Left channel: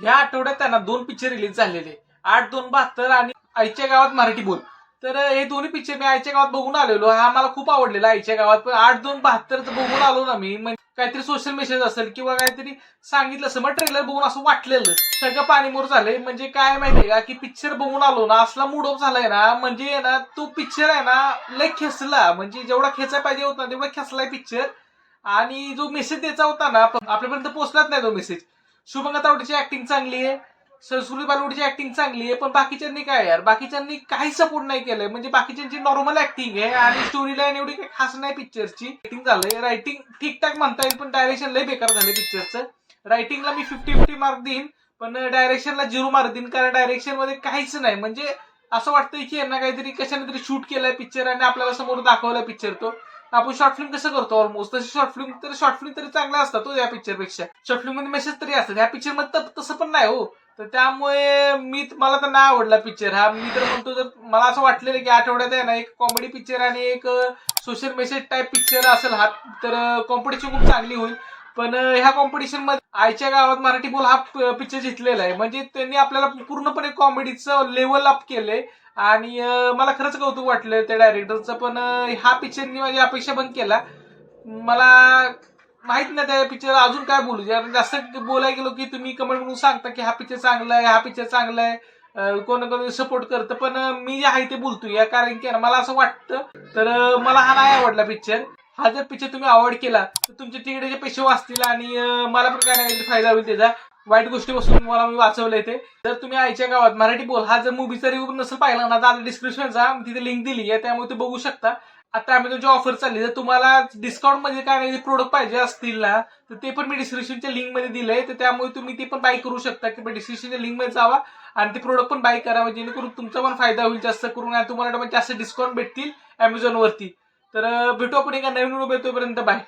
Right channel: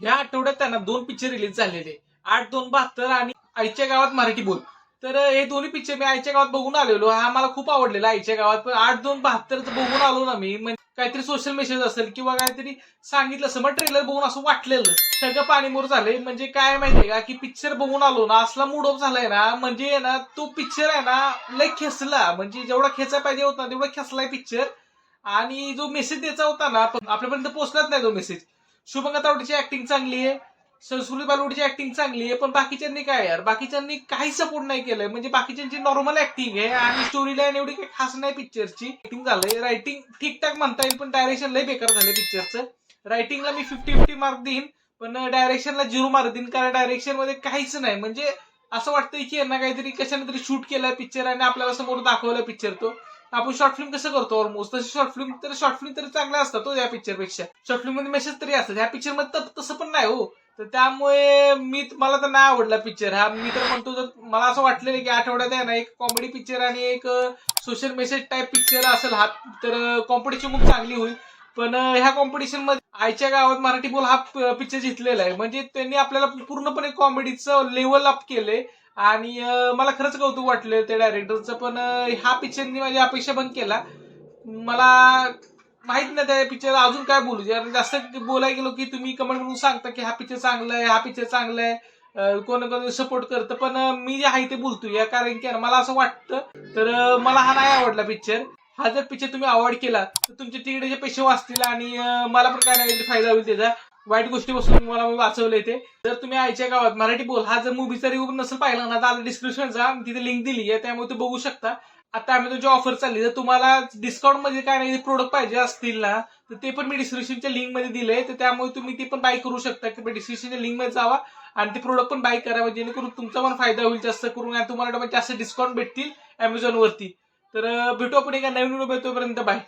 ह्या आठवड्यात त्यांना 2 पिक्चर रिलीज झालेले, 8-2-72 आणि आईच्या गावात मराठी बोल. तर हे दोन्ही पिक्चर मी आईच्या गावात बघून आलेलो. हा मला खूप आवडलेला आईच्या गावात. पण 8-2-72 बघून आलो ना मी, म्हणजे काहीतरी सोशल मेसेज असेल किंवा काहीतरी सांगितलं असं, मग ट्रेलर बघून असं वाटलेलं सगळं पाणीमोर झालंय. म्हणजे काय माहितीये का, की पिक्चर बघून आलो ना, असला मूड ऑफ झालाय ना, म्हणजे ना तो पिक्चर आहे ना लय खेचला, म्हणजे जेवढा खेचायला पाहिजे होता तेवढा खेचलाय पिक्चर. आणि जो मेसेज द्यायचा होता ना आपल्यापर्यंत पोहोचलाच नाही तो मेसेज. शुभंगा तावडेची ऍक्टिंग चांगली आहे, संस्कृती बालवडीची ऍक्टिंग चांगली आहे, पण बाकीच्यांनी काय यार, बाकीच्यांनी काही सपोर्ट नाही केलंय. म्हणजे बाकीच्यांची नॉर्मल ऍक्टिंग आहे आणि स्टोरी लाईन एवढी काही खास नाही पिक्चरची. ऍक्टिंग झालंय, रायटिंग ठीकठाक म्हणता येईल, पण डायरेक्शन लय बेकार झालंय पिक्चरचं. रायटिंगला मी 50-50 मार्क देईन, पण डायरेक्शनला 0 मार्क देईन, कारण डायरेक्शन मध्ये काहीच नाही. म्हणजे असं वाटतंय की यांना काहीतरी कशाने तरी शूट केलाय पिक्चर आणि आपल्याला समोर दाखवलाय पिक्चर तो. आपण शॉर्ट फिल्म कसं करतो ऑलमोस्ट, तसे शॉर्ट फिल्म तरी चांगल्या असतात तो या पिक्चर पेक्षा. शॉर्ट फिल्म मध्ये मेसेज तरी असतात, ह्या पिक्चर मध्ये तसं पण नाही हो. तर त्यामुळे मला तर नाही आवडला पिक्चर हा. मी तर म्हणतो, जर मला असं वाटलेलं की आठवड्यात आहे ना एक कॉमेडी पिक्चर आणि एक सोशल मेसेज टाईप पिक्चर असेल हा, तर कॉम्पिटिशन खूप चांगली होईल. पण ह्या कॉम्पिटिशन मध्ये आईच्या गावात मराठी बोल हा पिक्चर जिंकलेला आहे. म्हणजे त्यांनी आपल्याला पूर्णपणे कॉमेडीचं लेवल अप केलंय आणि मला खरंच कौतुक वाटलं त्या डायरेक्टरचं. पण हा पिक्चरनी माझी अपेक्षा बंद केला. मला माहित नाही त्या पिक्चर अजून काय बोलू. जर जास्त बोलायला गेलो की तुम्ही कमेंट म्हणून सांगता की हा पिक्चर चांगला आहे, हा पिक्चर चांगला आहे, कोण कोण सपोर्ट करतं. पण मी जे आहे ते बोलतोय या, कारण की मला असं वाटतं. तर मला हा नाही आवडला पिक्चर. हा जर पिक्चर तुम्ही अवॉइड केला तर तुमचे तिकीटाचे पैसे वाचतील आणि मला पण काय नाही फायदा होईल त्याचा. वाईट गोष्टीपासून मला मी वाचवलंय ते. जर तुम्ही आईच्या गावात मराठी बोल हा जर मूवीचा रिव्ह्यू नसेल पाहिला ना, तर डिस्क्रिप्शनचा तिथे लिंक दिली आहे, त्यामुळे ते बघू शकता. आता अमेझॉनची ऑफर चालली, जर तुम्हाला डिस्काउंट मध्ये काय नाही प्रोडक्ट पाहिजे असतील ना, तर ते पण मी डिस्क्रिप्शनच्या लिंक मध्ये दिलंय. तर त्यामुळे तुम्ही ते पण बाय करू शकता, की डिस्क्रिप्शनच्या लिंक मध्ये जावा आणि ते प्रोडक्ट पण बाय करा, जेणेकरून तुमचा पण फायदा होईल जास्त करून आणि तुम्हाला जास्त डिस्काउंट भेटतील अमेझॉन वरती. तर भेटू आपण एका नवीन व्हिडिओ, तोपर्यंत बाय.